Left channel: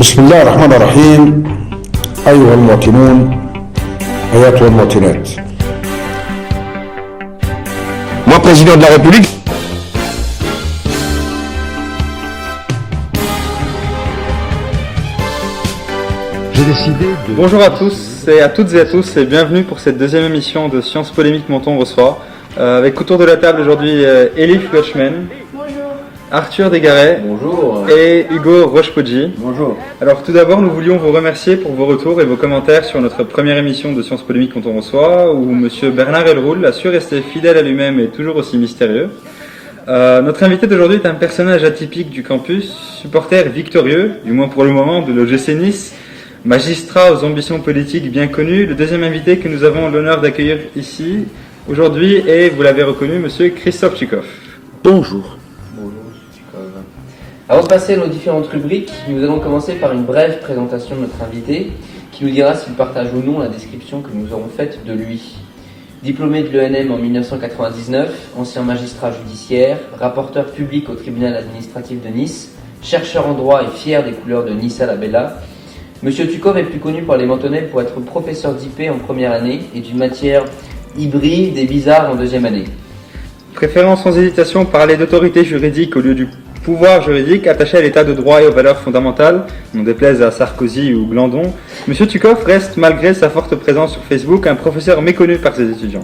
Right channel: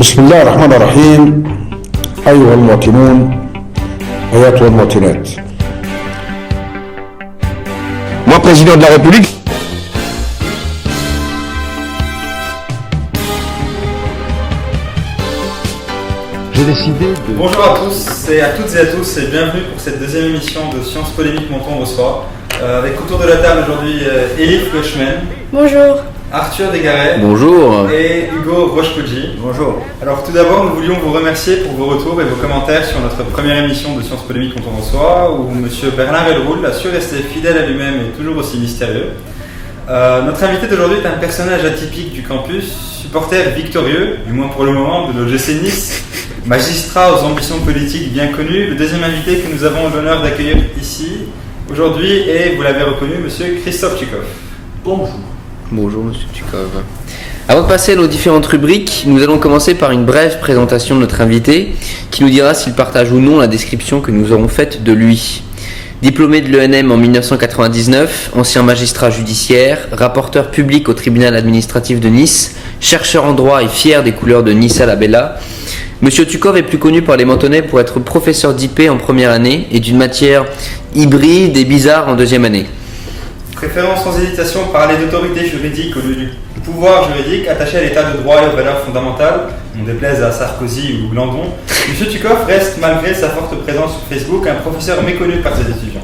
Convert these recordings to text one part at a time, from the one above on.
بسم الله الرحمن الرحيم. أيها المواطنون أيتها المواطنات. Moi, président de la République. J'ai décidé de... Bonjour à tous et à toutes et à tous et bienvenue pour cette deuxième émission de Sciences Polémiques Menton reçoit. Avec autour de la table aujourd'hui Elif Goshman. Bonjour. Arthur Desgaret. Bonjour. Et Hugo Rochepoggi. Bonjour. Alors tout d'abord, nous voulions vous remercier pour vos retours et vos commentaires sur notre première émission de Sciences Polémiques Menton reçoit, où Monsieur Bernard Elroul a su rester fidèle à lui-même et toujours aussi mystérieux. Notre invité d'aujourd'hui est un personnage atypique du campus, supporter victorieux, du moins pour le moment, de l'OGC Nice, magistrat aux ambitions politiques bien connues. Le deuxième invité que nous avons l'honneur d'accueillir ici aujourd'hui est, vous l'avez reconnu, Monsieur Christophe Tchikov. Bonjour. Bonjour, Monsieur Tchikov. Avant de passer à nos différentes rubriques, nous allons commencer par une brève présentation de notre invité, qui nous dira s'il partage ou non la description que nous aurons faite de lui. Diplômé de l'ENM en 1999, ancien magistrat judiciaire, rapporteur public au tribunal administratif de Nice, chercheur en droit et fier des couleurs de Nice à la Bella, Monsieur Tchikov est plus connu par les Mentonnais pour être professeur d'IP en première année et d'une matière hybride et bizarre en deuxième année. Préférons sans hésitation parler d'autorité juridique au lieu du pouvoir juridique attaché à l'état de droit et aux valeurs fondamentales, on déplaise à Sarkozy ou Blandon. Monsieur Tchikov reste, malgré sa forte présence sur Facebook, un professeur méconnu par ses étudiants.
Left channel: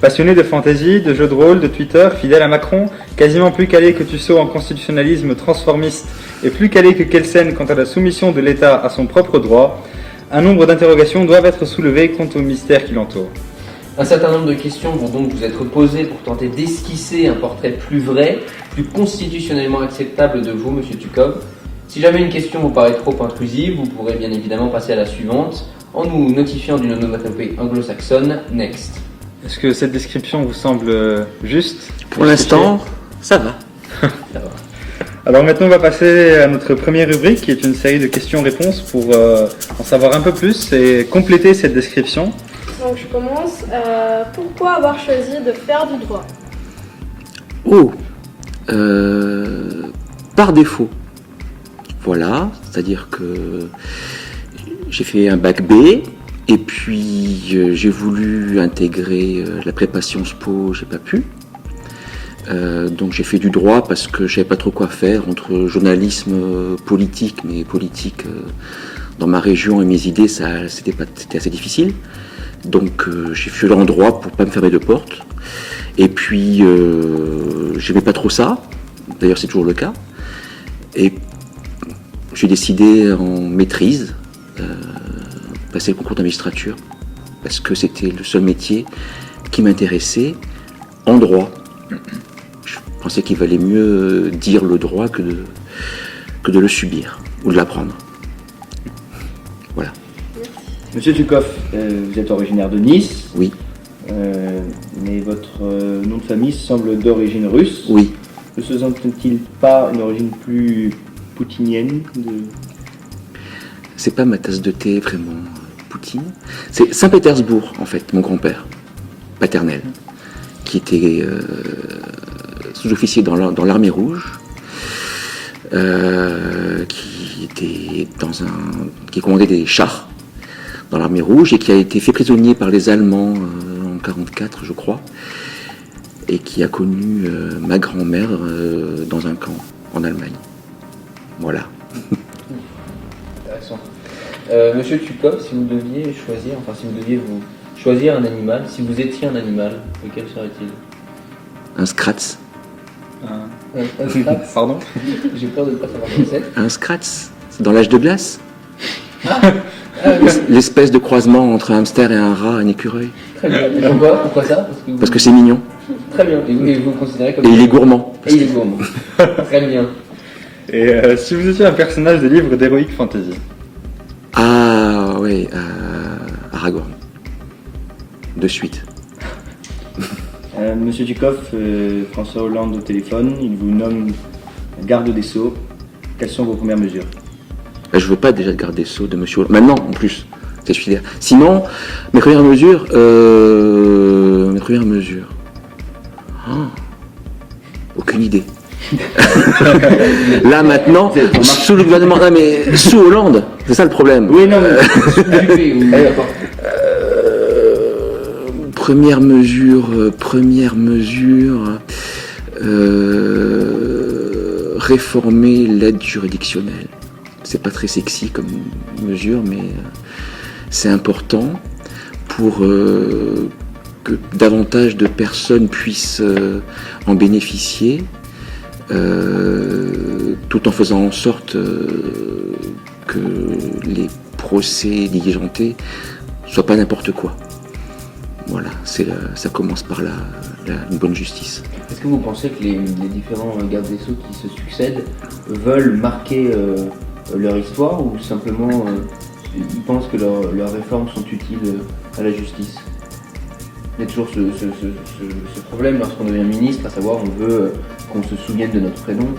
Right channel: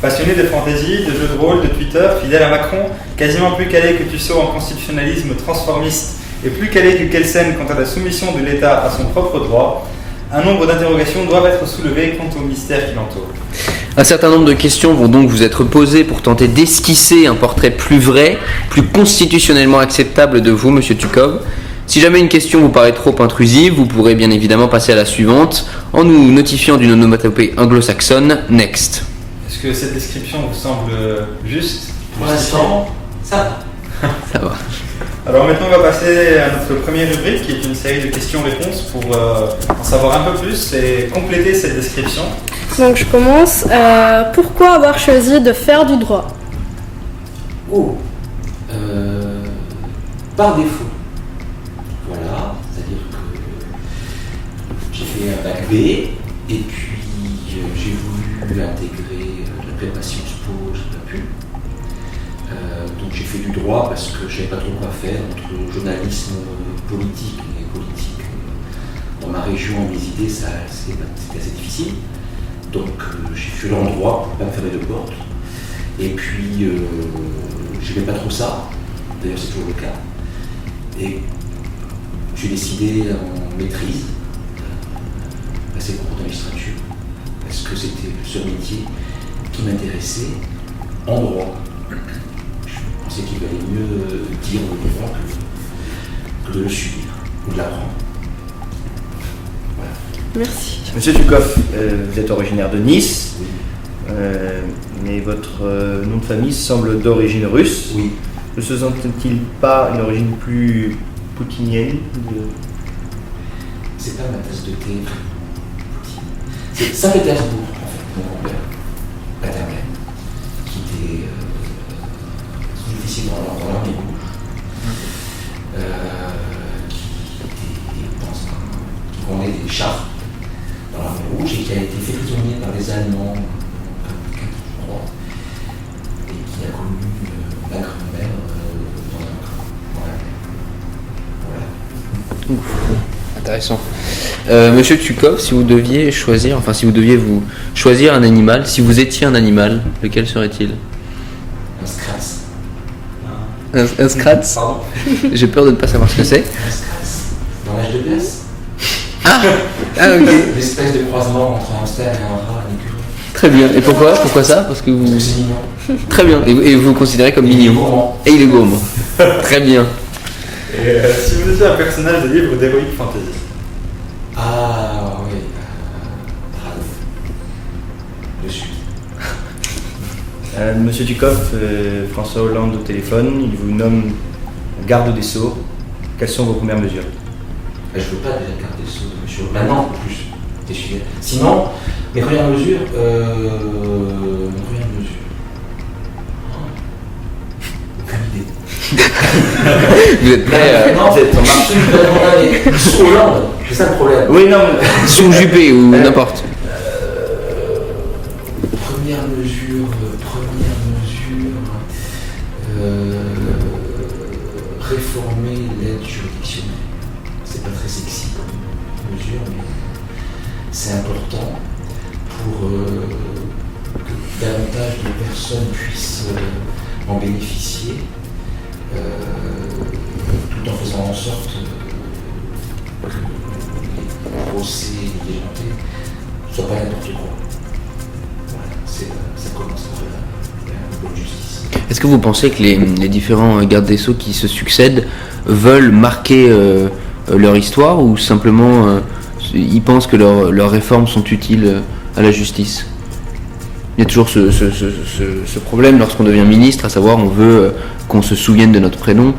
Passionné de fantaisie, de jeux de rôle, de Twitter, fidèle à Macron, quasiment plus calé que Tussaud en constitutionnalisme transformiste et plus calé que Kelsen quant à la soumission de l'État à son propre droit, un nombre d'interrogations doivent être soulevées quant au mystère qui l'entoure. Un certain nombre de questions vont donc vous être posées pour tenter d'esquisser un portrait plus vrai, plus constitutionnellement acceptable de vous, Monsieur Tchikov. Si jamais une question vous paraît trop intrusive, vous pourrez bien évidemment passer à la suivante en nous notifiant d'une onomatopée anglo-saxonne « Next ». Est-ce que cette description vous semble juste? Pour l'instant, ça va. Ça va. Alors maintenant, on va passer à notre première rubrique, qui est une série de questions-réponses pour en savoir un peu plus et compléter cette description. Donc je commence. Pourquoi avoir choisi de faire du droit? Par défaut. Voilà, c'est-à-dire que j'ai fait un bac B et puis j'ai voulu intégrer la prépa Sciences Po, j'ai pas pu. Donc j'ai fait du droit parce que je savais pas trop quoi faire entre journalisme politique, mais politique dans ma région et mes idées, c'était assez difficile. Donc j'ai fait en droit pour pas me fermer de porte. Et puis j'aimais pas trop ça, d'ailleurs c'est toujours le cas. Et j'ai décidé en maîtrise passer le concours de magistrature parce que c'était le seul métier qui m'intéressait en droit. Je pensais qu'il valait mieux dire le droit que de le subir ou de l'apprendre. Voilà. Merci. Monsieur Tchikov, vous êtes originaire de Nice. Oui. Mais votre nom de famille semble d'origine russe. Oui. Ne se sent-il pas une origine plus poutinienne C'est pas ma tasse de thé vraiment, Poutine. C'est Saint-Pétersbourg, en fait, mon grand-père paternel, qui était sous-officier dans l'armée rouge, qui commandait des chars dans l'armée rouge et qui a été fait prisonnier par les Allemands en 1944, je crois, et qui a connu ma grand-mère dans un camp en Allemagne. Voilà. Intéressant. Monsieur Tchikov, si vous deviez vous choisir un animal, si vous étiez un animal, lequel serait-il? Un Skratz. Un Skratz? Pardon? J'ai peur de ne pas savoir ce que c'est. Un Skratz dans l'âge de glace. Ah, L'espèce de croisement entre un hamster et un rat, un écureuil. très bien. Et pourquoi ça? Parce que c'est mignon. Très bien. Et vous le considérez comme... Et il est gourmand. Et il est gourmand. Très bien. Et si vous étiez un personnage de livre d'Heroic Fantasy? Ah oui, Aragon. De suite. Monsieur Tchikov, François Hollande au téléphone, il vous nomme garde des Sceaux. Quelles sont vos premières mesures? Je veux pas déjà garder des sceaux de monsieur. Maintenant, en plus, c'est celui-là. Sinon, mes premières mesures. Aucune idée. Là, maintenant, on marche sous le gouvernemental, mais sous Hollande. C'est ça le problème. Oui, non, mais... Sous Juppé ou n'importe. Première mesure, réformer l'aide juridictionnelle. C'est pas très sexy comme mesure, mais c'est important pour que davantage de personnes puissent en bénéficier, tout en faisant en sorte que les procès diligentés soient pas n'importe quoi. Voilà, ça commence par une bonne justice. Est-ce que vous pensez que les différents gardes des Sceaux qui se succèdent veulent marquer leur histoire ou simplement ils pensent que leurs réformes sont utiles à la justice? Il y a toujours ce problème lorsqu'on devient ministre, à savoir on veut qu'on se souvienne de notre prénom.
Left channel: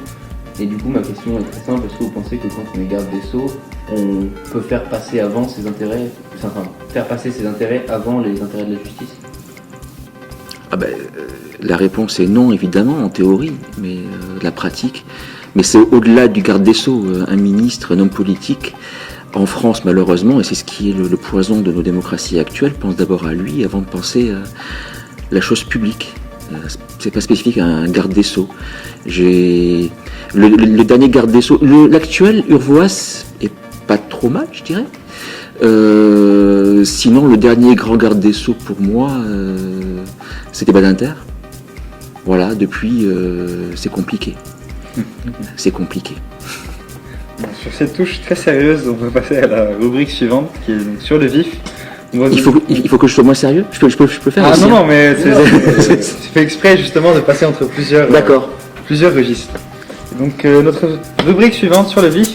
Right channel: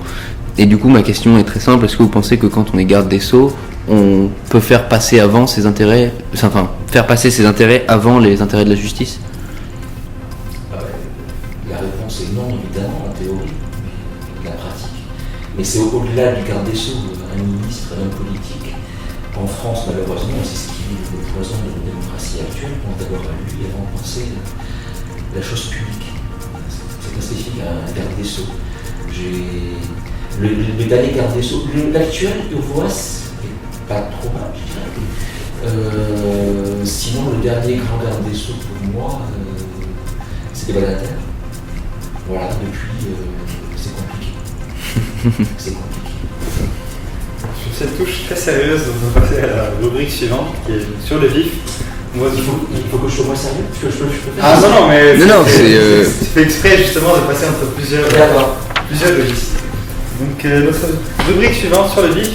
Et du coup ma question est très simple, est-ce que vous pensez que quand on est garde des Sceaux, on peut faire passer avant ses intérêts, faire passer ses intérêts avant les intérêts de la justice? La réponse est non, évidemment, en théorie, mais la pratique. Mais c'est au-delà du garde des Sceaux, un ministre, un homme politique. En France, malheureusement, et c'est ce qui est le poison de nos démocraties actuelles, pense d'abord à lui avant de penser à la chose publique. C'est pas spécifique à un garde des Sceaux. Le dernier garde des Sceaux, l'actuel Urvoas est pas trop mal, je dirais. Sinon, le dernier grand garde des Sceaux pour moi, c'était Badinter. Voilà, depuis, c'est compliqué. C'est compliqué. Sur cette touche très sérieuse, on peut passer à la rubrique suivante qui est sur le vif. Il faut que je sois moins sérieux. Je peux faire. Ah non, mais c'est c'est fait exprès justement de passer entre plusieurs registres. Donc notre rubrique suivante sur le vif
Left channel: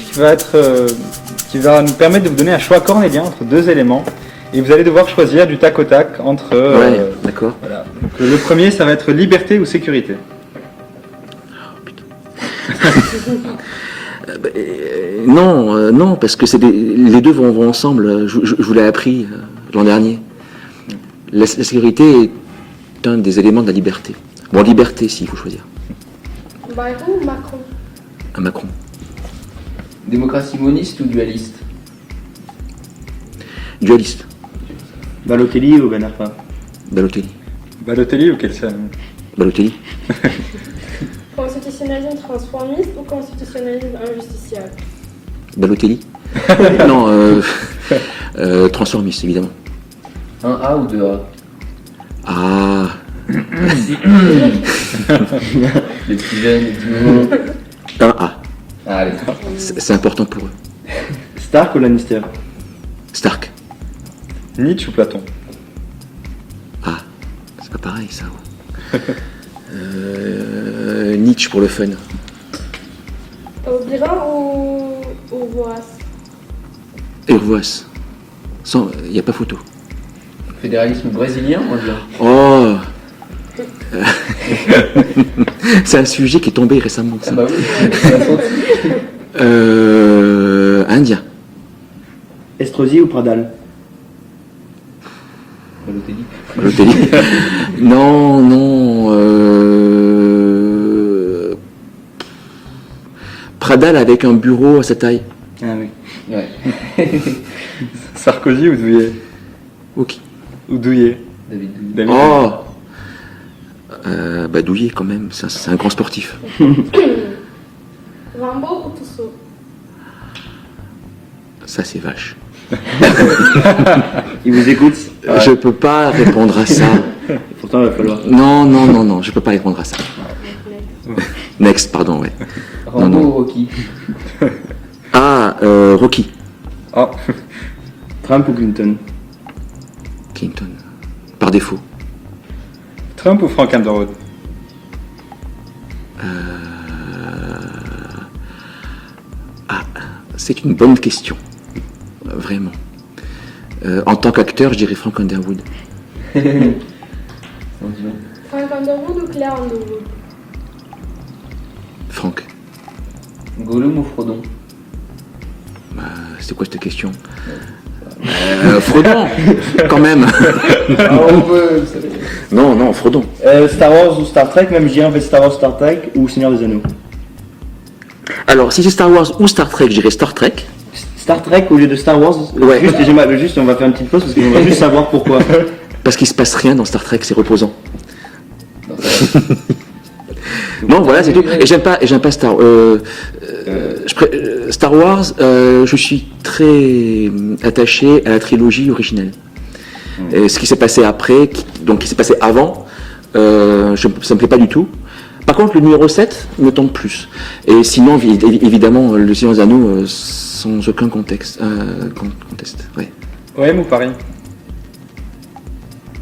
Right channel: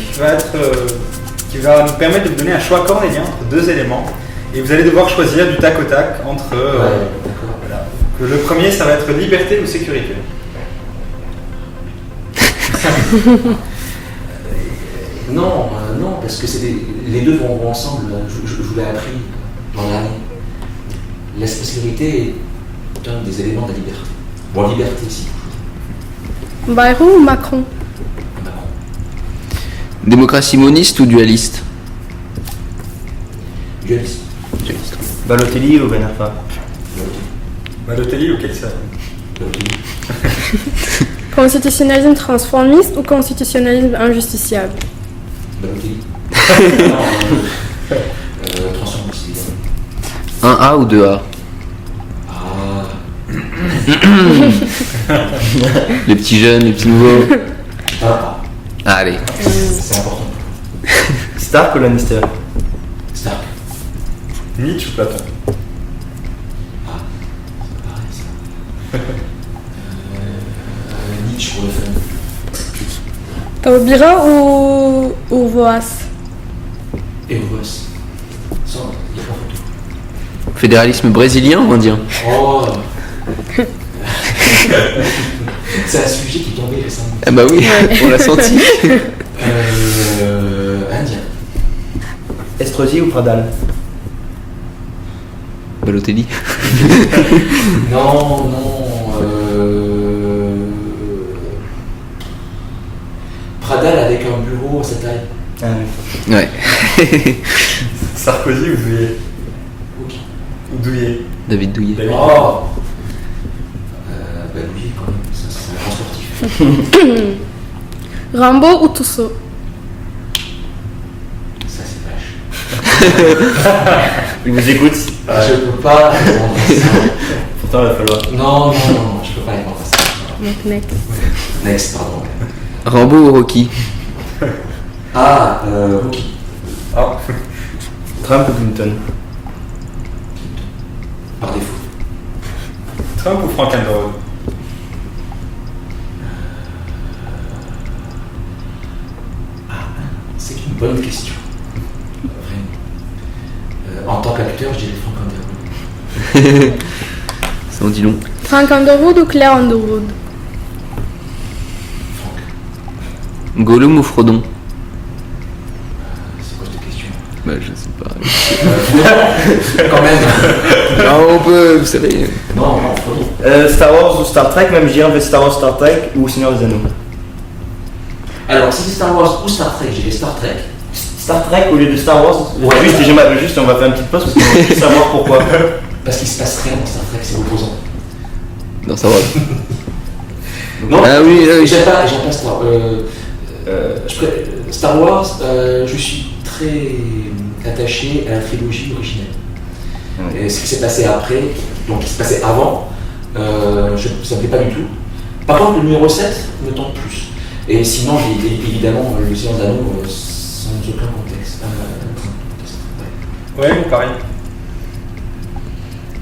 qui va nous permettre de vous donner un choix cornélien entre deux éléments. Et vous allez devoir choisir du tac au tac entre... d'accord. Voilà. Donc, le premier, ça va être liberté ou sécurité. Non, parce que les deux vont ensemble. Je vous l'ai appris l'an dernier. La sécurité est un des éléments de la liberté. Bon, liberté, s'il faut choisir. Bayrou ou Macron? Un Macron. Démocratie moniste ou dualiste? Dualiste. Balotelli ou Ben Arfa? Balotelli. Balotelli ou Kelsen? Balotelli. Constitutionnalisme transformiste ou constitutionnalisme injusticiable? Balotelli. Non, transformiste, évidemment. 1A ou 2A? Ah. Les petits jeunes, les petits nouveaux. 1A. Allez. C'est important pour eux. Stark ou Lannister? Stark. Nietzsche ou Platon? Ah, c'est pas pareil ça. Nietzsche pour le fun. Taubira ou Voas? Urvoas. Il n'y a pas photo. Fédéralisme brésilien, on va dire. Oh. C'est un sujet qui est tombé récemment. Ah bah oui, on l'a senti. Indien. Estrosi ou Pradal? Balotelli. Non. Pradal avec un bureau à sa taille. Ah, oui. Ouais. Sarkozy ou Douillet? Ok. Ou Douillet? David Douillet. David. Oh. Douillet quand même, c'est un grand sportif. Rimbaud ou Tussaud? Ça c'est vache. Il nous écoute. Je peux pas répondre à ça. Pourtant, il va falloir. Non, je peux pas répondre à ça. Next. Next, pardon, ouais. Rambo ou Rocky? Ah, Rocky. Oh. Trump ou Clinton? Clinton. Par défaut. Trump ou Frank Underwood? C'est une bonne question. Vraiment. En tant qu'acteur, je dirais Frank Underwood. Ça en dit long. Frank Underwood ou Claire Underwood? Frank. Gollum ou Frodon? C'est quoi cette question? Bah je sais pas. Frodon. Quand même. On peut, vous savez. Non, Frodon. Star Wars ou Star Trek? Même je dirais en fait Star Wars, Star Trek ou Seigneur des Anneaux. Alors, si c'est Star Wars ou Star Trek, je dirais Star Trek. Star Trek au lieu de Star Wars. Juste, on va faire une petite pause parce qu'on va juste savoir pourquoi. Parce qu'il se passe rien dans Star Trek, c'est reposant. Dans sa rôle. Non, Ah, oui, oui. et j'aime pas Star Wars, je suis très attaché à la trilogie originelle. Et ce qui s'est passé après, donc qui s'est passé avant, ça me plaît pas du tout. Par contre, le numéro 7 me tombe plus. Et sinon, évidemment, le Seigneur des Anneaux, sans aucun contexte. Ouais. Ouais, vous pareil.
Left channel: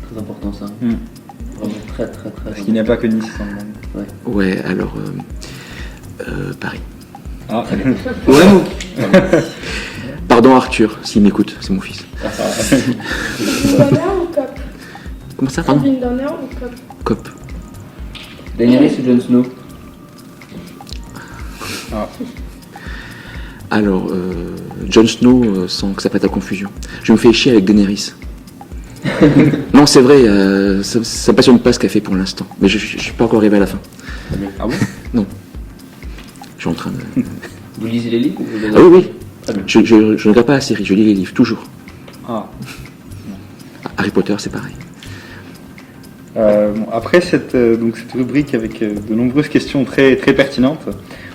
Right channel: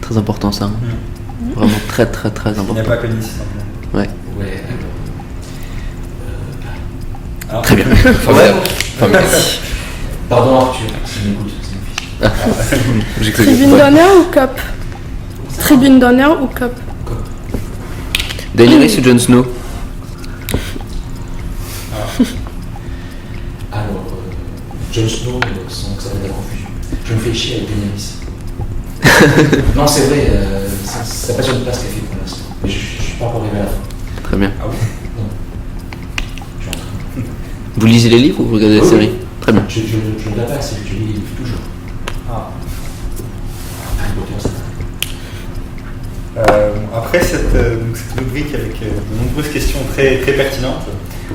Très important ça. Vraiment très très très Il n'y important. a pas que Nice. Ouais, alors. Pareil. Alors, Très bien. Ouais. Pardon Arthur, s'il m'écoute, c'est mon fils. Tribune d'honneur ou cop? Comment ça va Tribune d'honneur ou cop? Cop. Daenerys ou Jon Snow? Alors, Jon Snow, sans que ça prête à confusion. Je me fais chier avec Daenerys. Non, c'est vrai, ça passionne pas ce qu'elle fait pour l'instant. Mais je suis pas encore arrivé à la fin. Très bien. Ah bon? Non. Je suis en train de... Vous lisez les livres ou vous regardez Ah la oui, série? oui. Très bien. Je ne regarde pas la série, je lis les livres, toujours. Ah. Harry Potter, c'est pareil. Après cette rubrique avec de nombreuses questions très, très pertinentes,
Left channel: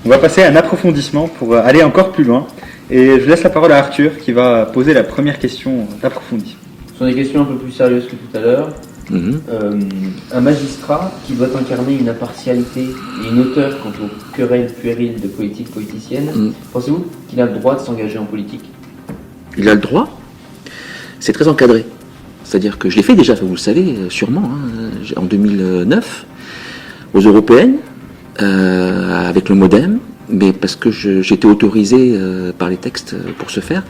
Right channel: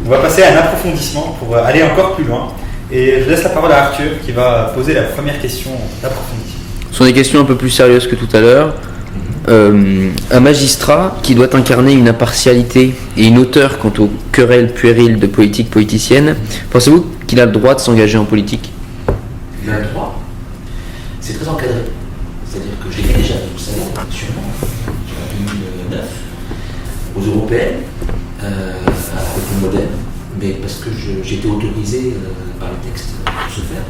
on va passer à un approfondissement pour aller encore plus loin. Et je laisse la parole à Arthur qui va poser la première question approfondie. Ce sont des questions un peu plus sérieuses que tout à l'heure. Un magistrat qui doit incarner une impartialité et une hauteur quant aux querelles puériles de politique politicienne, pensez-vous qu'il a le droit de s'engager en politique? Il a le droit. C'est très encadré. C'est-à-dire que je l'ai fait déjà, vous le savez, sûrement, en 2009, aux européennes, avec le MoDem, mais parce que j'étais autorisé par les textes pour ce faire.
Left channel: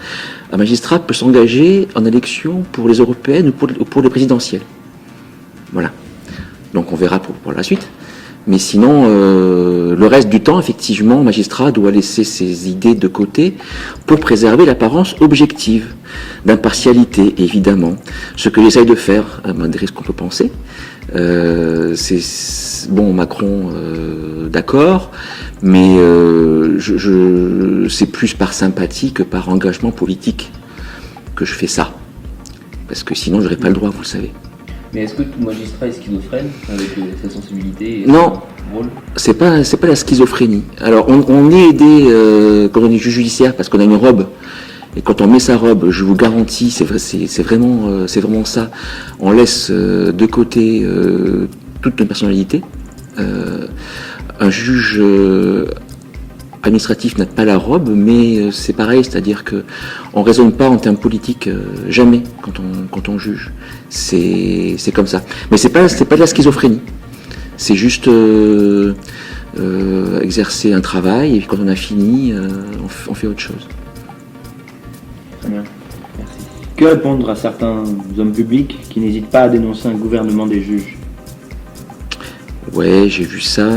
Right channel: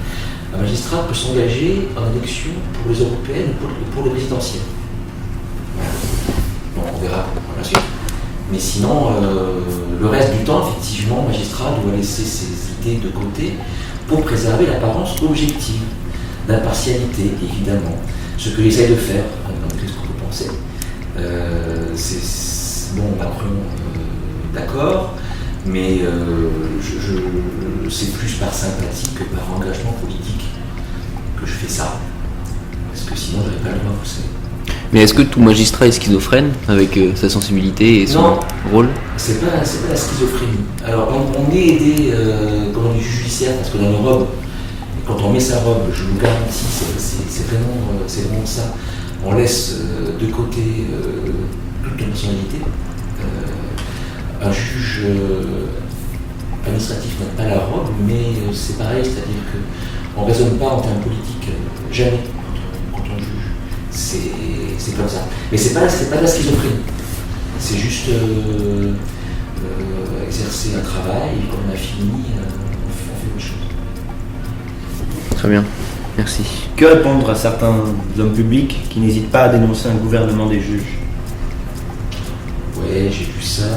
Un magistrat peut s'engager en élection pour les européennes ou pour les présidentielles. Voilà. Donc on verra pour la suite. Mais sinon, le reste du temps, effectivement, le magistrat doit laisser ses idées de côté pour préserver l'apparence objective, d'impartialité, évidemment. Ce que j'essaye de faire, malgré ce qu'on peut penser, c'est bon, Macron, d'accord, mais c'est plus par sympathie que par engagement politique que je fais ça. Parce que sinon, j'aurais pas le droit, vous le savez. Mais est-ce que tout magistrat est schizophrène avec sa sensibilité et son Non. rôle? C'est pas la schizophrénie. Alors, on est aidé quand on est juge judiciaire parce qu'on a une robe. Et quand on met sa robe, je vous garantis, c'est vraiment ça. On laisse de côté toute notre personnalité. Un juge administratif n'a pas la robe, mais c'est pareil, c'est-à-dire qu'on ne raisonne pas en termes politiques jamais quand on juge. C'est comme ça. Mais c'est pas de la schizophrénie. C'est juste exercer un travail, et puis quand on a fini, on fait autre chose. Très bien, merci. Que répondre à certains hommes publics qui n'hésitent pas à dénoncer un gouvernement des juges? Ouais, j'ai vu ça.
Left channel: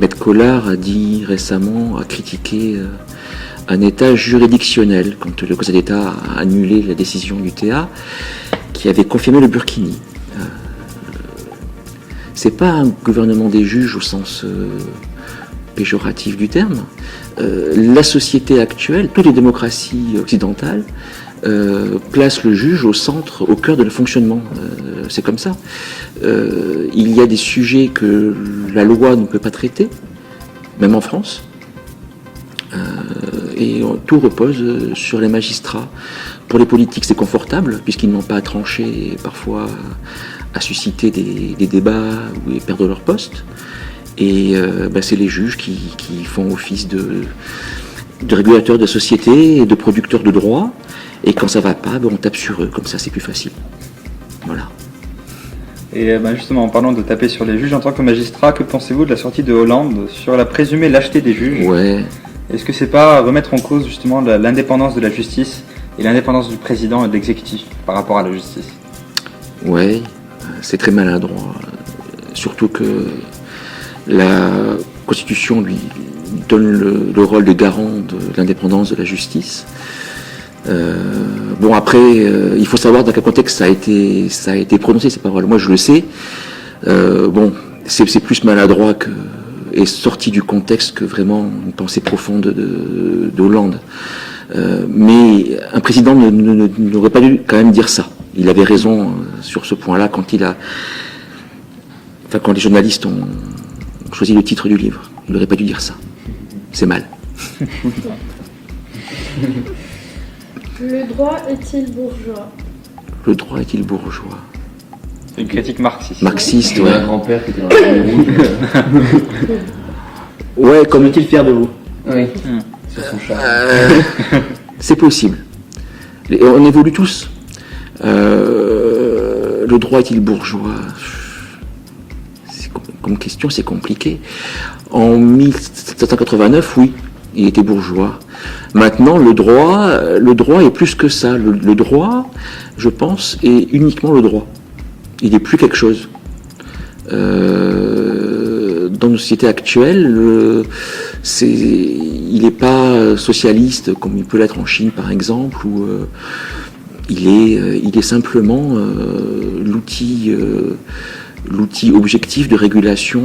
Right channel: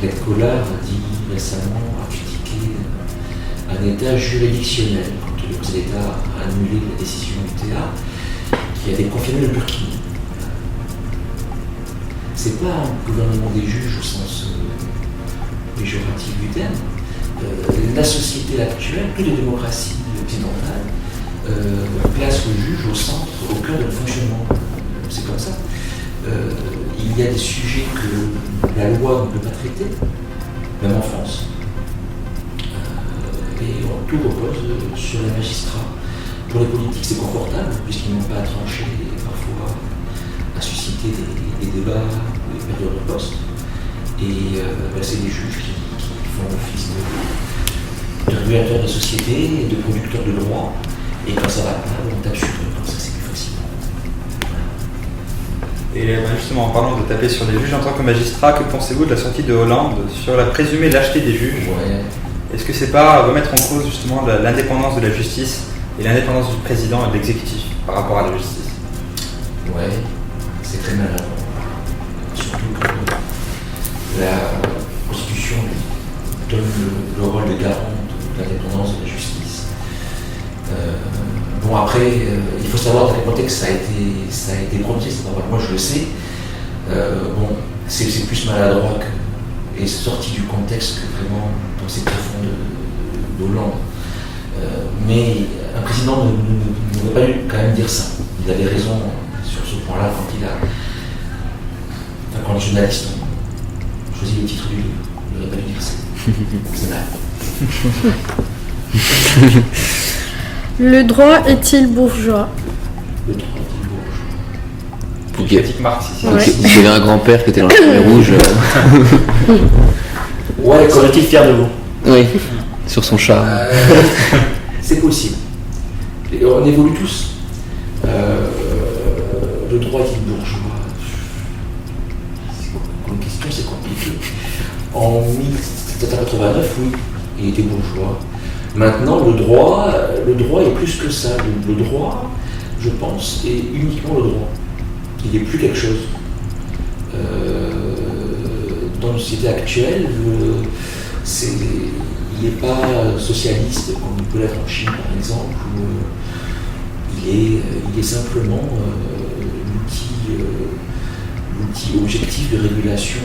Maître Collard a dit récemment, a critiqué un état juridictionnel quand le Conseil d'État a annulé la décision du TA qui avait confirmé le burkini. C'est pas un gouvernement des juges au sens péjoratif du terme. La société actuelle, toutes les démocraties occidentales, placent le juge au centre, au cœur de le fonctionnement. C'est comme ça. Il y a des sujets que la loi ne peut pas traiter, même en France, et tout repose sur les magistrats. Pour les politiques, c'est confortable, puisqu'ils n'ont pas à trancher et parfois à susciter des débats et perdre leur poste. Et c'est les juges qui font office de régulateurs de société et de producteurs de droit. Et quand ça va pas, on tape sur eux, comme ça c'est plus facile. Voilà. Et justement, en parlant de taper sur les juges, en tant que magistrat, que pensez-vous de la sortie de Hollande sur la présumée lâcheté des juges? Ouais. Est-ce que c'est pas remettre en cause justement l'indépendance de la justice et l'indépendance du président et de l'exécutif par rapport à la justice? Ouais, c'est très maladroit. Surtout que la Constitution lui donne le rôle de garant de l'indépendance de la justice. Après, il faut savoir dans quel contexte ça a été prononcé, ces paroles. Moi je le sais. C'est plus maladroit est sorti du contexte que vraiment pensée profonde de Hollande. Mais un président n'aurait pas dû quand même dire ça. Il avait raison sur ce point-là quand quand les journalistes ont choisi le titre du livre. Il n'aurait pas dû dire ça. C'est mal. Le droit est-il bourgeois? Le droit est-il bourgeois? Une critique marxiste. Marxiste. Il y avait un grand-père qui était dans la fumée rouge. Ouais, quand est-il fier de vous? Oui, sur son char. C'est possible. On évolue tous. Le droit est-il bourgeois? Comme question, c'est compliqué. En 1789, oui, il était bourgeois. Maintenant, le droit est plus que ça. Le droit, je pense, est uniquement le droit. Il n'est plus quelque chose. Dans nos sociétés actuelles, il n'est pas socialiste comme il peut l'être en Chine par exemple, où il est simplement l'outil objectif de régulation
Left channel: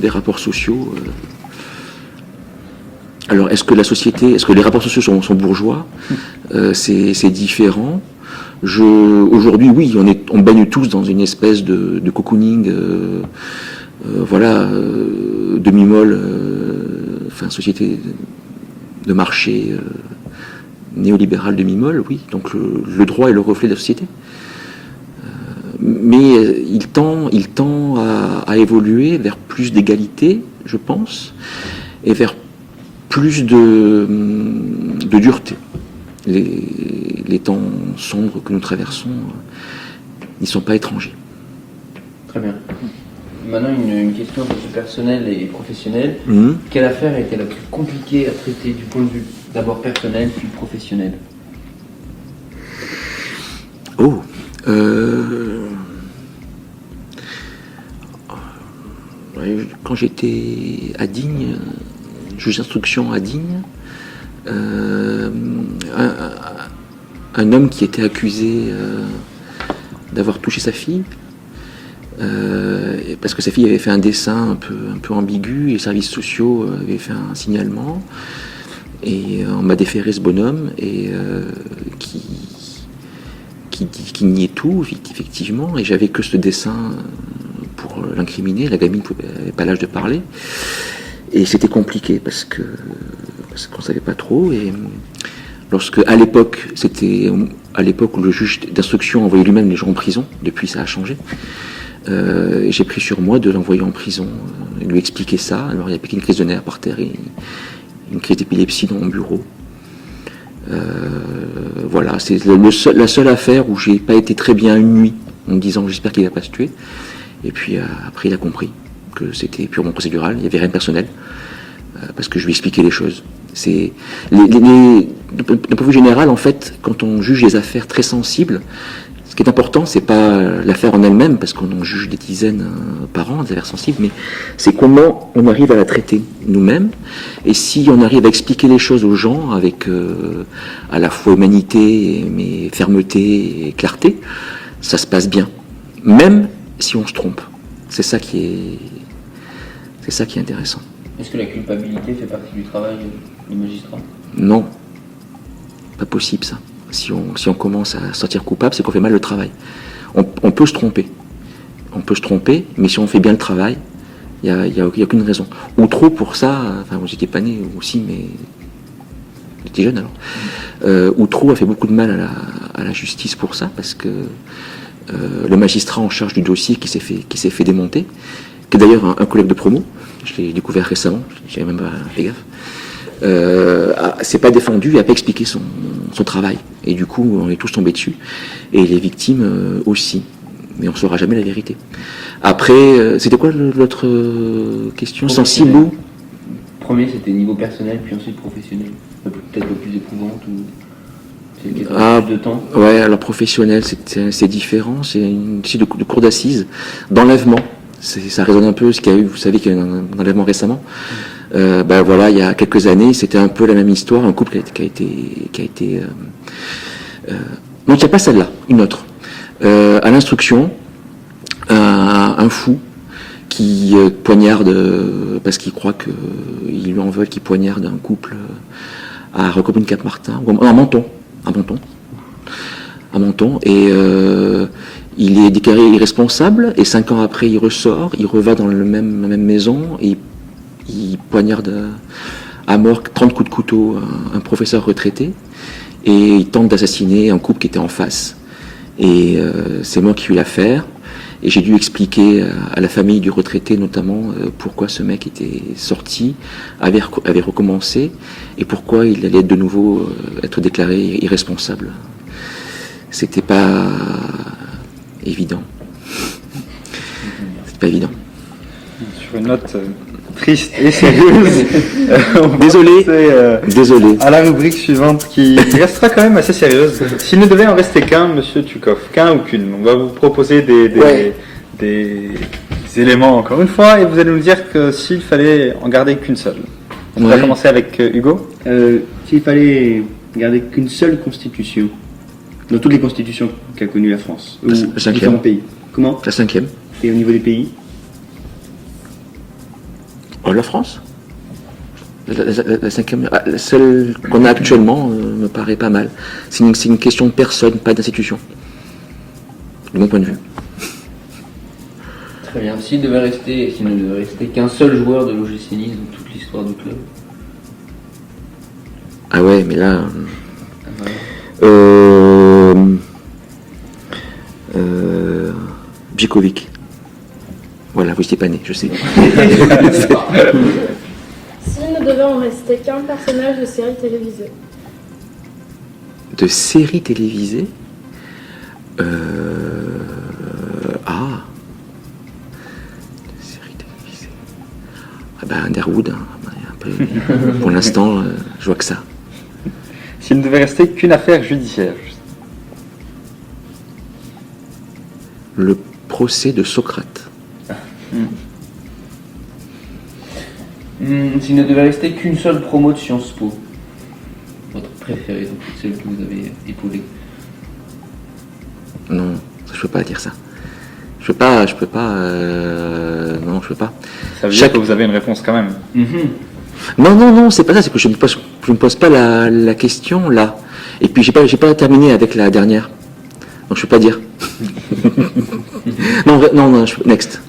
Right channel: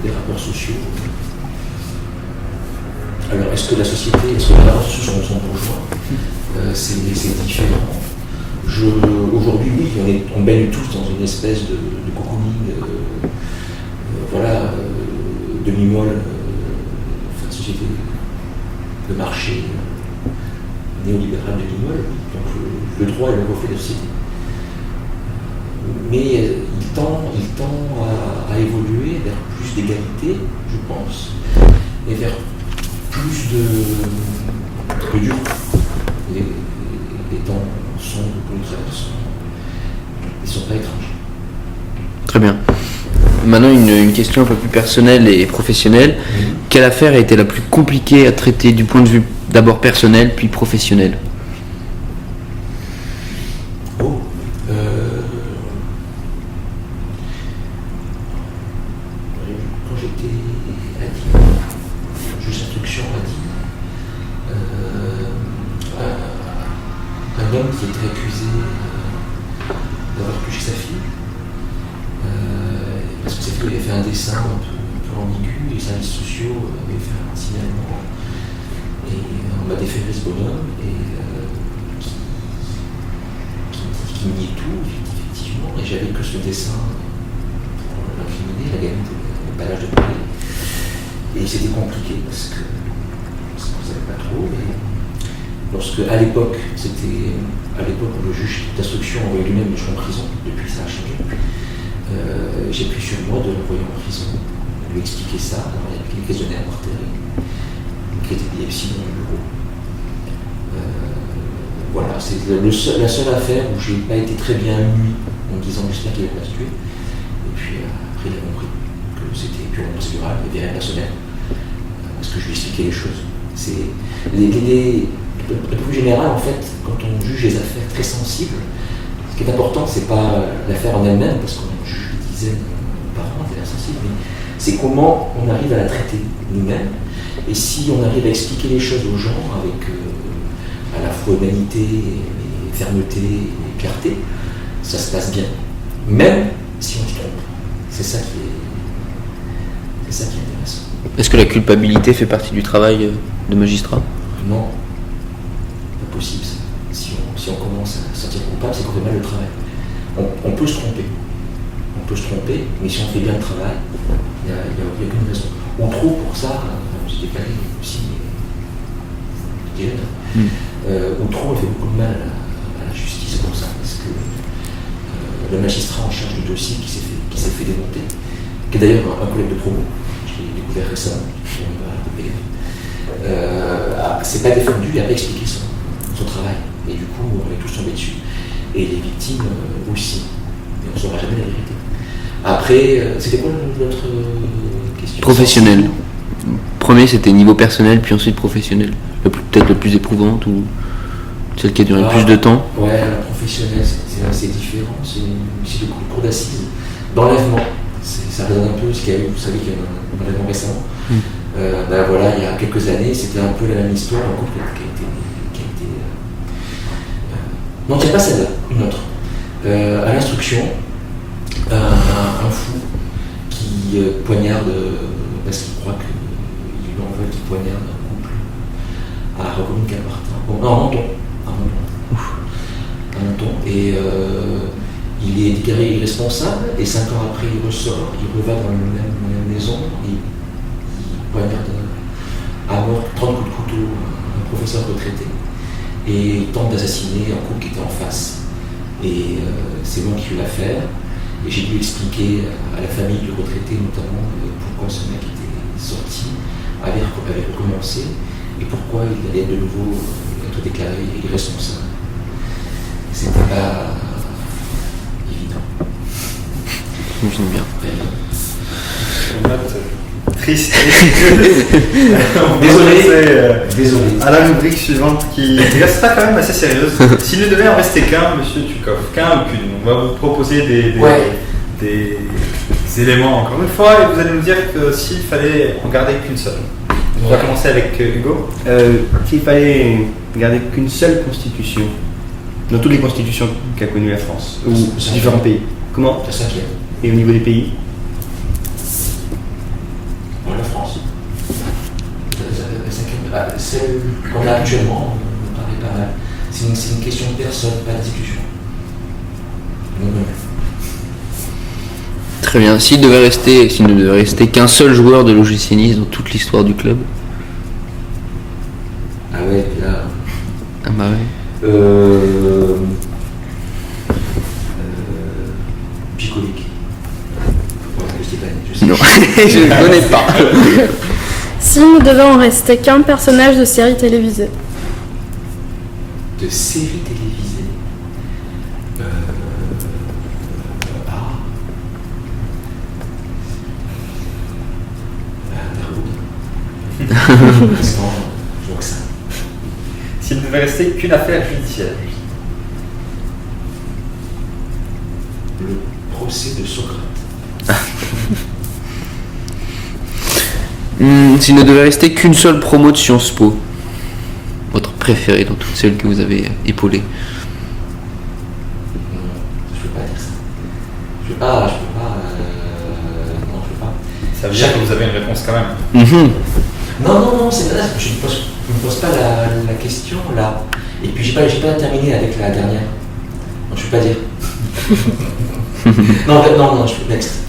des rapports sociaux. Alors est-ce que les rapports sociaux sont bourgeois? C'est différent. Aujourd'hui, oui, on baigne tous dans une espèce de cocooning, demi-molle, société de marché néolibérale demi-molle, oui. Donc le droit est le reflet de la société. Mais il tend à évoluer vers plus d'égalité, je pense, et vers plus de dureté. Les temps sombres que nous traversons, ils ne sont pas étrangers. Très bien. Maintenant, une question un peu plus personnelle et professionnelle. Quelle affaire a été la plus compliquée à traiter du point de vue d'abord personnel puis professionnel? Quand j'étais à Digne, juge d'instruction à Digne, un homme qui était accusé d'avoir touché sa fille, parce que sa fille avait fait un dessin un peu ambigu et les services sociaux avaient fait un signalement, et on m'a déféré ce bonhomme et qui niait tout effectivement, et j'avais que ce dessin pour l'incriminer. La gamine n'avait pas l'âge de parler, et c'était compliqué parce qu'on savait pas trop. Et lorsque à l'époque où le juge d'instruction envoyait lui-même les gens en prison, depuis ça a changé, j'ai pris sur moi de l'envoyer en prison, de lui expliquer ça. Alors il y avait une crise de nerfs par terre et une crise d'épilepsie dans mon bureau. Voilà, c'est la seule affaire où j'ai pas été très bien une nuit en me disant j'espère qu'il va pas se tuer. Et puis après il a compris que c'était purement procédural, il n'y avait rien de personnel, parce que je lui expliquais les choses. C'est d'un point de vue général, en fait, quand on juge les affaires très sensibles, ce qui est important, c'est pas l'affaire en elle-même, parce qu'on en juge des dizaines par an, des affaires sensibles, mais c'est comment on arrive à la traiter nous-mêmes, et si on arrive à expliquer les choses aux gens avec à la fois humanité, mais fermeté et clarté, ça se passe bien, même si on se trompe. C'est ça qui est intéressant. Est-ce que la culpabilité fait partie du travail de magistrat? Non, pas possible ça. Si on commence à sortir coupable, c'est qu'on fait mal le travail. On peut se tromper. On peut se tromper, mais si on fait bien le travail, il n'y a aucune raison. Outreau pour ça, moi j'étais pas né aussi, mais j'étais jeune alors. Outreau a fait beaucoup de mal à la justice pour ça, parce que le magistrat en charge du dossier qui s'est fait démonter, qui est d'ailleurs un collègue de promo, je l'ai découvert récemment, j'avais même pas fait gaffe, s'est pas défendu, il n'a pas expliqué son travail. Et du coup, on est tous tombés dessus. Et les victimes aussi. Mais on ne saura jamais la vérité. Après, c'était quoi votre question? Professionnel. Premier, c'était niveau personnel, puis ensuite professionnel. Peut-être le plus éprouvante, ou celle qui a duré plus de temps. Ouais, alors professionnel, c'est différent. C'est une cour d'assises d'enlèvement. Ça résonne un peu ce qu'il y a eu, vous savez qu'il y a eu un enlèvement récemment. Voilà, il y a quelques années, c'était un peu la même histoire, un couple qui a été non, c'est pas celle-là, une autre. À l'instruction, un fou qui poignarde parce qu'il croit qu'ils lui en veulent, qui poignarde un couple à Recommune-Cap-Martin, à Menton. À Menton. Et il est déclaré irresponsable, et 5 ans après, il ressort, il reva dans la même maison, et il poignarde à mort 30 coups de couteau un professeur retraité, et il tente d'assassiner un couple qui était en face. Et c'est moi qui ai eu l'affaire, et j'ai dû expliquer à la famille du retraité notamment pourquoi ce mec était sorti, avait recommencé, et pourquoi il allait de nouveau être déclaré irresponsable. C'était pas évident. J'imagine bien. C'est pas évident. Une note triste et sérieuse. Désolé. À la rubrique suivante qui restera quand même assez sérieuse. S'il ne devait en rester qu'un, monsieur Tchukov, qu'un ou qu'une, on va vous proposer des éléments encore une fois, et vous allez nous dire que s'il fallait en garder qu'une seule. On va commencer avec Hugo. S'il fallait garder qu'une seule constitution, dans toutes les constitutions qu'a connues la France, ou différents pays. Comment? La 5e. Et au niveau des pays? La France. La 5e, celle qu'on a actuellement me paraît pas mal. C'est une question de personne, pas d'institution. De mon point de vue. Très bien. S'il ne devait rester qu'un seul joueur de l'OGC Nice dans toute l'histoire du club. Ah ouais, mais là. Ah bah ouais. Bjekovic. Voilà, vous n'étiez pas né, je sais. Non, je ne connais pas. S'il ne devait en rester qu'un personnage de série télévisée. De séries télévisées. Underwood. Pour l'instant, je vois que ça. S'il ne devait rester qu'une affaire judiciaire. Le procès de Socrate. S'il ne devait rester qu'une seule promo de Sciences Po, votre préférée dans toutes celles que vous avez épaulées. Non, je peux pas dire ça. Je peux pas. Non, je peux pas. Ça veut dire que vous avez une réponse quand même. Non, c'est pas ça. C'est que je ne pose pas la question là. Et puis j'ai pas terminé avec la dernière. Donc je peux pas dire. non, next.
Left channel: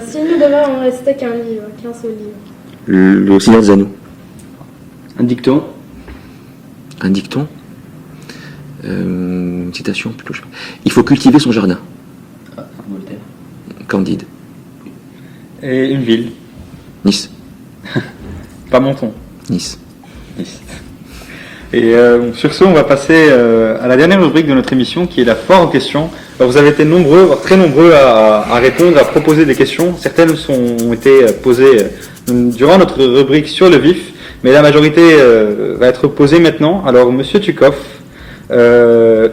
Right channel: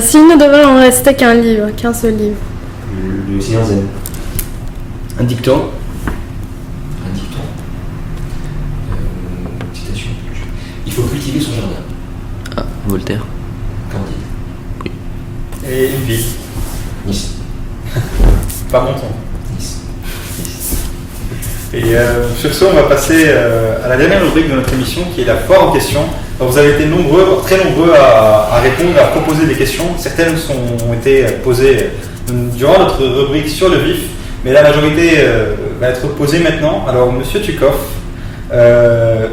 S'il ne devait en rester qu'un livre, qu'un seul livre. Le Seigneur des Anneaux. Un dicton? Un dicton. Une citation plutôt. Il faut cultiver son jardin. Ah, Voltaire. Candide. Et une ville. Nice. Pas Menton. Nice. Et sur ce, on va passer à la dernière rubrique de notre émission qui est la foire en question. Alors, vous avez été très nombreux à répondre, à proposer des questions. Certaines ont été posées durant notre rubrique sur le vif, mais la majorité va être posée maintenant. Alors, monsieur Tchukov,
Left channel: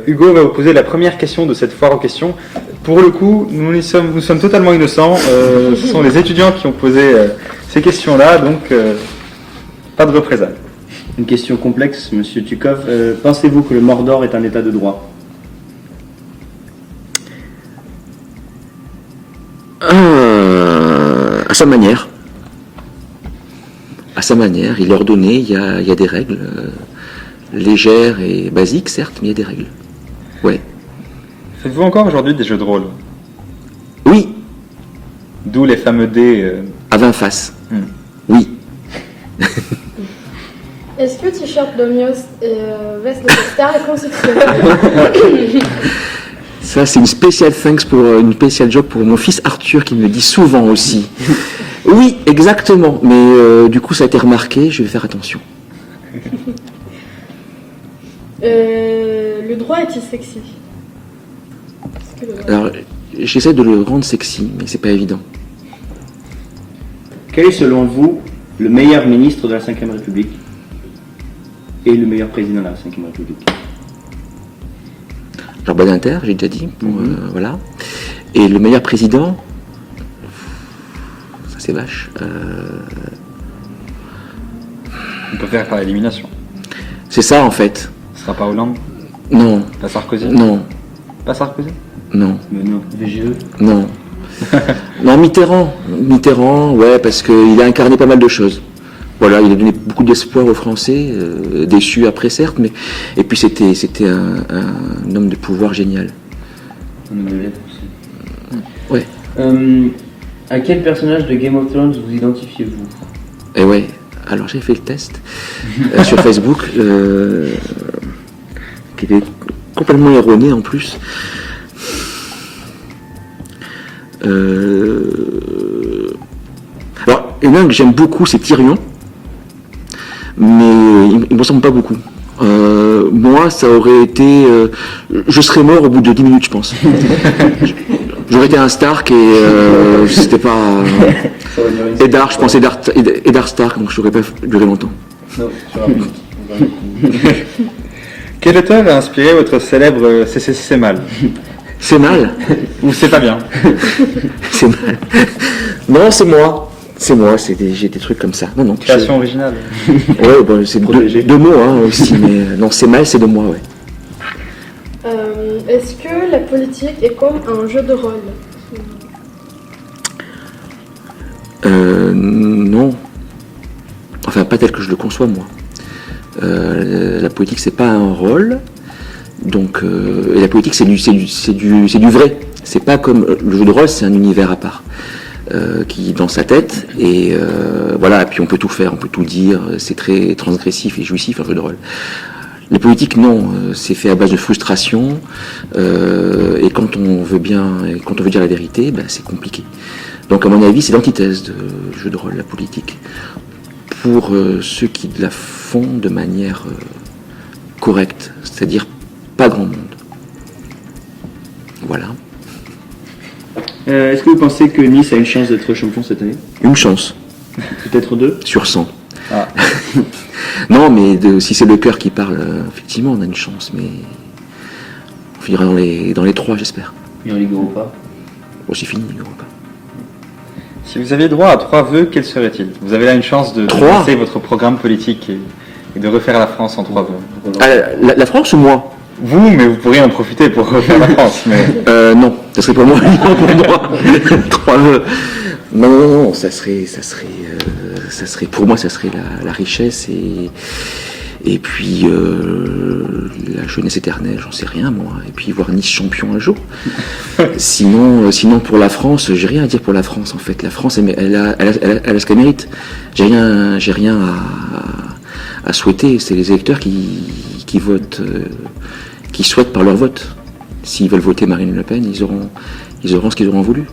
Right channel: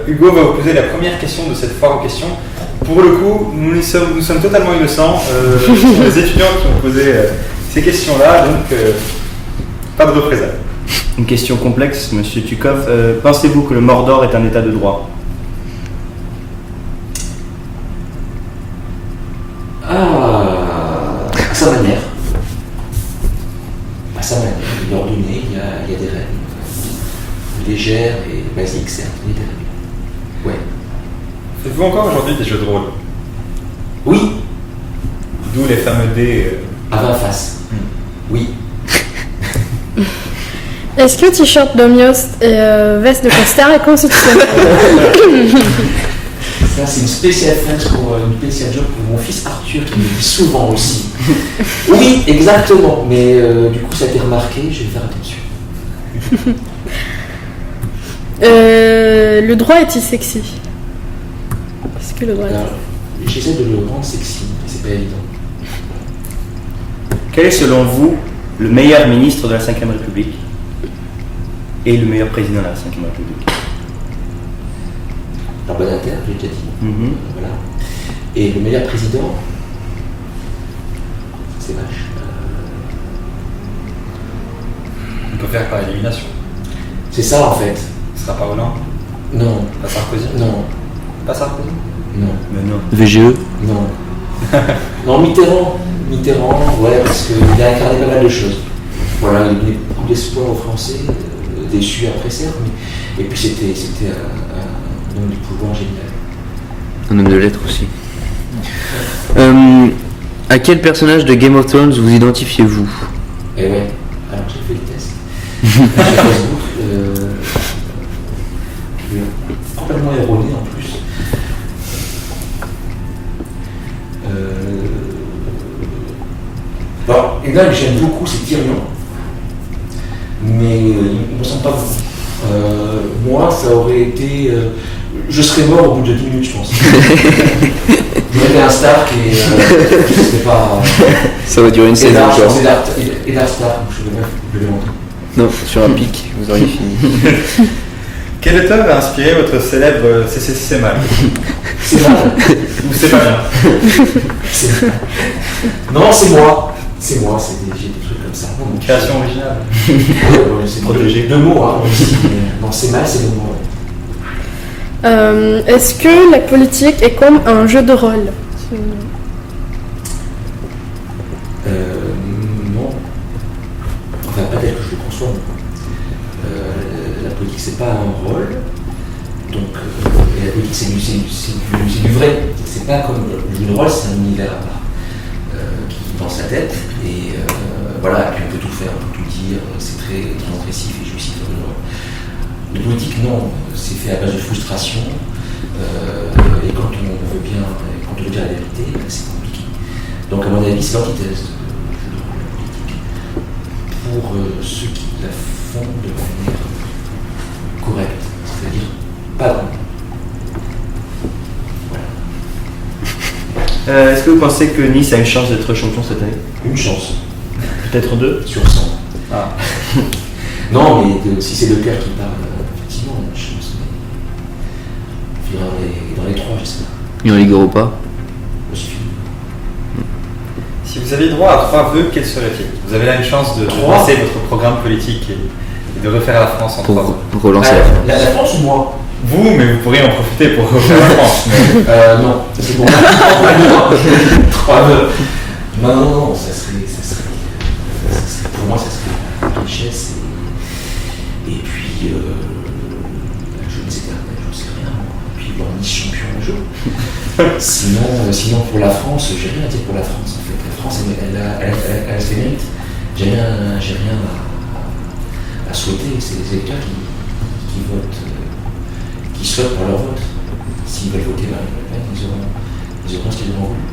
Hugo va vous poser la première question de cette foire en question. Pour le coup, nous sommes totalement innocents. Ce sont les étudiants qui ont posé ces questions-là, donc pas de représailles. Une question complexe, monsieur Tchukov. Pensez-vous que le Mordor est un état de droit? À sa manière. À sa manière. Il est ordonné, il y a des règles. Légères et basiques, certes, mais il y a des règles. Ouais. Faites-vous encore aujourd'hui des jeux de rôle? Oui. D'où les fameux dés. À 20 faces. Oui. Est-ce que t-shirt d'Omiost et veste de costard est constitutionnel? Ça, c'est une spéciale thanks pour une spéciale job pour mon fils Arthur qui me dit souvent aussi. Oui, exactement. Mais du coup, ça a été remarqué, je vais faire attention. Le droit est-il sexy? Est-ce que le droit Alors, j'essaie de le rendre sexy, mais c'est pas évident. Quel est selon vous le meilleur ministre de la Ve République et le meilleur président de la Ve République? Alors, Badinter, j'ai déjà dit. Voilà. Et le meilleur président, ça c'est vache. On peut faire par élimination. C'est ça en fait. Ce sera pas Hollande? Non. Pas Sarkozy? Non. Pas Sarkozy? Non. Mais non. VGE. Non. Non, Mitterrand, ouais, parce qu'il a incarné pas mal de choses. Voilà, il a donné beaucoup d'espoir aux Français, déçus après certes, mais et puis c'était un homme de pouvoir génial. Un homme de lettres aussi. Ouais. À quel personnage de Game of Thrones vous identifiez-vous? Et ouais, alors j'ai fait le test sur Facebook, qui était complètement erroné en plus. Alors, il y en a un que j'aime beaucoup, c'est Tyrion, mais il me ressemble pas beaucoup. Moi, ça aurait été. Je serais mort au bout de 10 minutes, je pense. J'aurais été un Stark et c'était pas. Ça va durer une C'est saison. Dark, je pense, et Dark Stark, donc je n'aurais pas duré longtemps. Non, sur un pic, vous auriez fini. Quel auteur a inspiré votre célèbre C'est mal? C'est mal. Ou c'est pas bien? Non, c'est moi. C'est moi, j'ai des trucs comme ça. Non, non, Création originale. Ouais, bah, c'est deux mots hein, aussi, mais non, c'est mal, c'est de moi, ouais. Est-ce que la politique est comme un jeu de rôle? Non. Enfin, pas tel que je le conçois, moi. La politique, c'est pas un rôle. Donc, et la politique, c'est du vrai. C'est pas comme le jeu de rôle, c'est un univers à part. Qui est dans sa tête, et voilà, et puis on peut tout faire, on peut tout dire, c'est très transgressif et jouissif un peu de rôle. La politique, non, c'est fait à base de frustration, et quand on veut dire la vérité, ben, c'est compliqué. Donc à mon avis, c'est l'antithèse du jeu de rôle, la politique, pour ceux qui la font de manière correcte, c'est-à-dire pas grand monde. Voilà. Est-ce que vous pensez que Nice a une chance d'être champion cette année? Une chance. Peut-être 2 Sur 100. Ah. Non, mais si c'est le cœur qui parle, effectivement, on a une chance, mais on finira dans les 3, j'espère. Et en Ligue Europa? Bon, c'est fini. Si vous aviez droit à 3 vœux, quels seraient-ils? Vous avez là une chance de lancer votre programme politique et de refaire la France en 3 vœux. Pour relancer La France ou moi? Vous, mais vous pourriez en profiter pour refaire la France. Mais... Non, ça serait pour moi. 3 vœux. Non, ça serait pour moi, ça serait la richesse et puis la jeunesse éternelle, j'en sais rien moi, et puis voir Nice champion un jour. Sinon pour la France, j'ai rien à dire pour la France en fait. La France, elle a ce qu'elle mérite. J'ai rien à souhaiter. C'est les électeurs qui votent, qui souhaitent par leur vote. S'ils veulent voter Marine Le Pen, ils auront ce qu'ils auront voulu.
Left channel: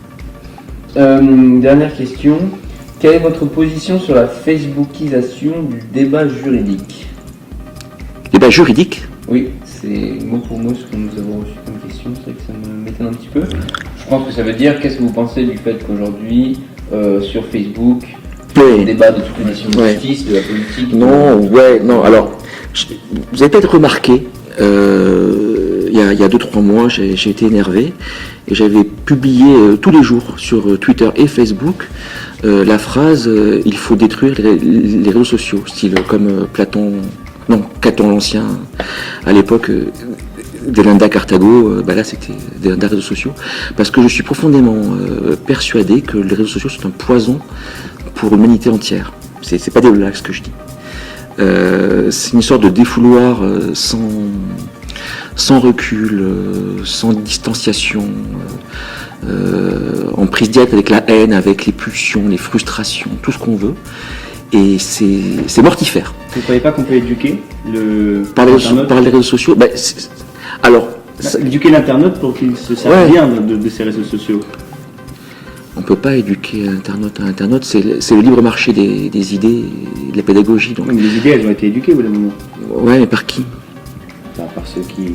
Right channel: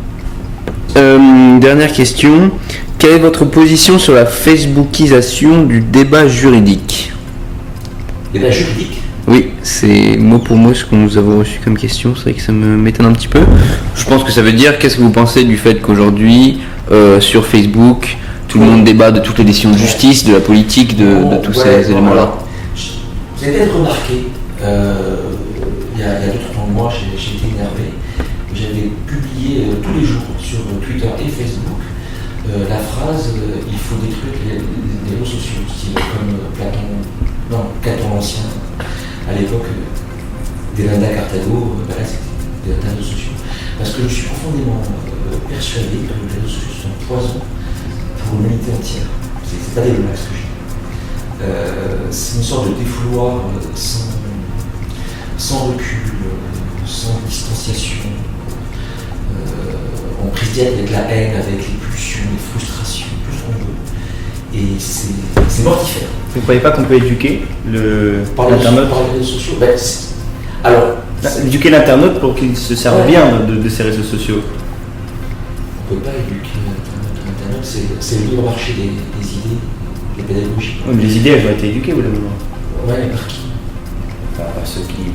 Dernière question. Quelle est votre position sur la facebookisation du débat juridique? Débat juridique? Oui, c'est mot pour mot ce que nous avons reçu comme question. C'est vrai que ça m'étonne un petit peu. Je pense que ça veut dire, qu'est-ce que vous pensez du fait qu'aujourd'hui, sur Facebook, tout le monde débat de toutes les décisions de justice, de la politique, de tout ça. Alors, vous avez peut-être remarqué, il y a 2-3 mois, j'ai été énervé et j'avais publié tous les jours sur Twitter et Facebook la phrase il faut détruire les réseaux sociaux, style comme Caton l'Ancien, à l'époque Delenda Carthago, là c'était des réseaux sociaux, parce que je suis profondément persuadé que les réseaux sociaux sont un poison pour l'humanité entière. C'est pas des blagues ce que je dis. C'est une sorte de défouloir sans recul, sans distanciation, en prise directe avec la haine, avec les pulsions, les frustrations, tout ce qu'on veut. Et c'est mortifère. Vous ne croyez pas qu'on peut éduquer par les réseaux sociaux? Éduquer l'internaute pour qu'il se serve bien de ces réseaux sociaux. On ne peut pas éduquer l'internaute, c'est le libre marché des idées, de la pédagogie. Donc. Oui, mais les idées, elles ont été éduquées au bout d'un moment. Ouais, mais par qui? Par ceux qui...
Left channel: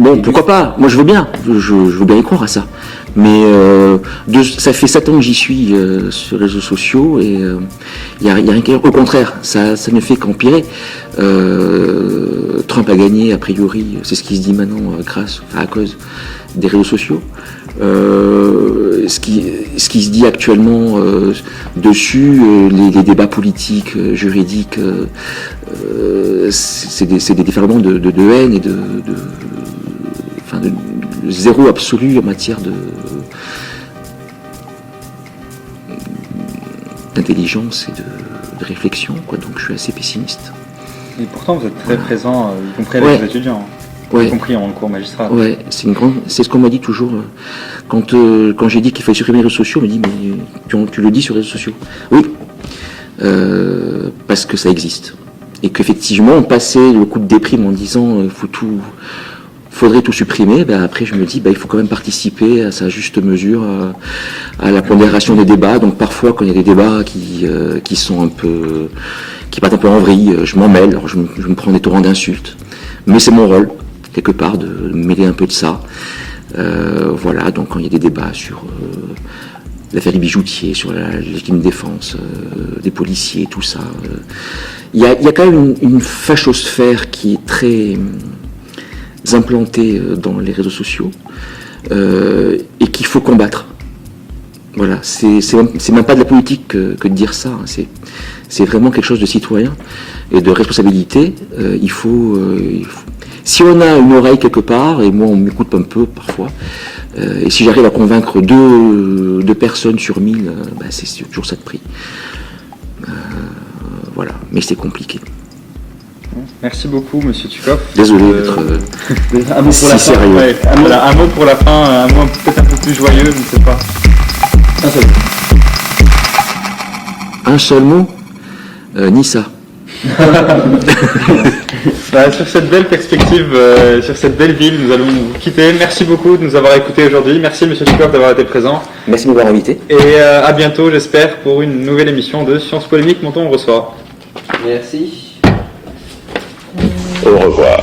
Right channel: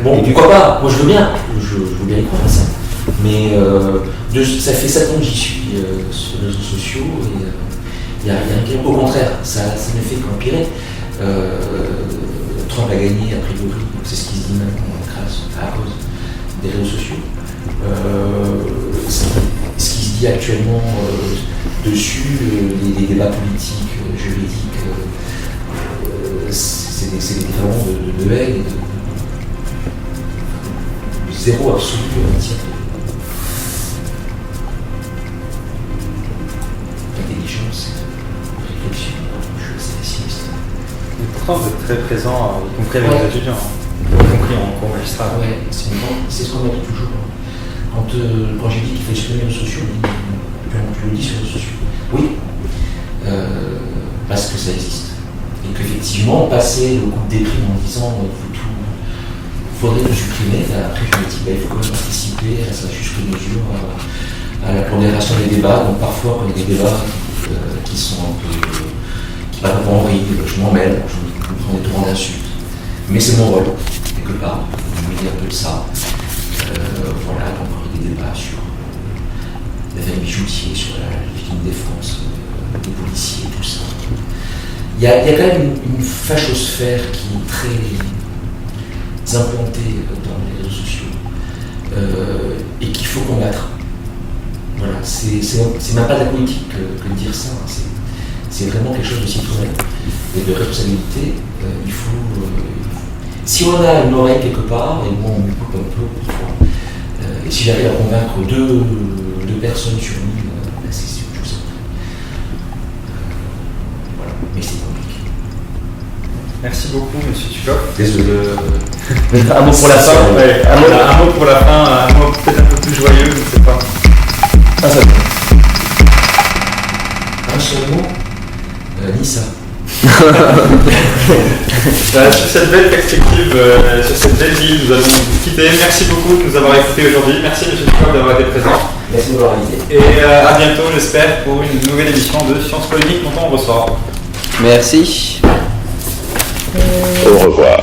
Bon, pourquoi pas? Moi je veux bien, je veux bien y croire à ça. Mais ça fait 7 ans que j'y suis sur les réseaux sociaux et il n'y a rien qu'à dire. Au contraire, ça ne fait qu'empirer. Trump a gagné, a priori, c'est ce qui se dit maintenant à cause des réseaux sociaux. Ce qui se dit actuellement dessus, les débats politiques, juridiques, c'est des déferlements de haine et de zéro absolu en matière d'intelligence et de réflexion, quoi. Donc je suis assez pessimiste. Et pourtant, vous êtes très présent, y compris avec Ouais. les étudiants, Ouais. y compris en cours magistral. Ouais, c'est ce qu'on m'a dit toujours. Là. Quand j'ai dit qu'il fallait supprimer les réseaux sociaux, on m'a dit mais tu le dis sur les réseaux sociaux. Oui, parce que ça existe. Et qu'effectivement, passer le coup de déprime en disant faudrait tout supprimer, ben après je me dis il faut quand même participer à sa juste mesure, à la pondération des débats. Donc parfois quand il y a des débats qui sont qui partent un peu en vrille, je m'en mêle, je me prends des torrents d'insultes. Mais c'est mon rôle, quelque part, de me mêler un peu de ça. Voilà, donc quand il y a des débats sur l'affaire Bijoutier, sur la légitime défense, des policiers, tout ça, il y a quand même une fachosphère qui est très implantée dans les réseaux sociaux et qu'il faut combattre. Voilà, c'est même pas de la politique que de dire ça, hein. C'est vraiment quelque chose de citoyen et de responsabilité. Si on a une oreille quelque part, et moi on m'écoute un peu parfois, et si j'arrive à convaincre deux personnes sur 1000, c'est toujours ça de prix. Voilà, mais c'est compliqué. Merci beaucoup, monsieur Tukoff. Désolé d'être... Un mot pour la fin. Ouais, voilà, un mot pour la fin, un mot peut-être un peu plus joyeux, je ne sais pas. Un seul mot, Nissa. Voilà, sur cette belle perspective, sur cette belle ville, nous allons vous quitter. Merci beaucoup de nous avoir écoutés aujourd'hui. Merci monsieur Tukoff d'avoir été présent. Merci de m'avoir invité. Et à bientôt, j'espère, pour une nouvelle émission de Sciences Polémiques dont on reçoit. Merci. Au revoir.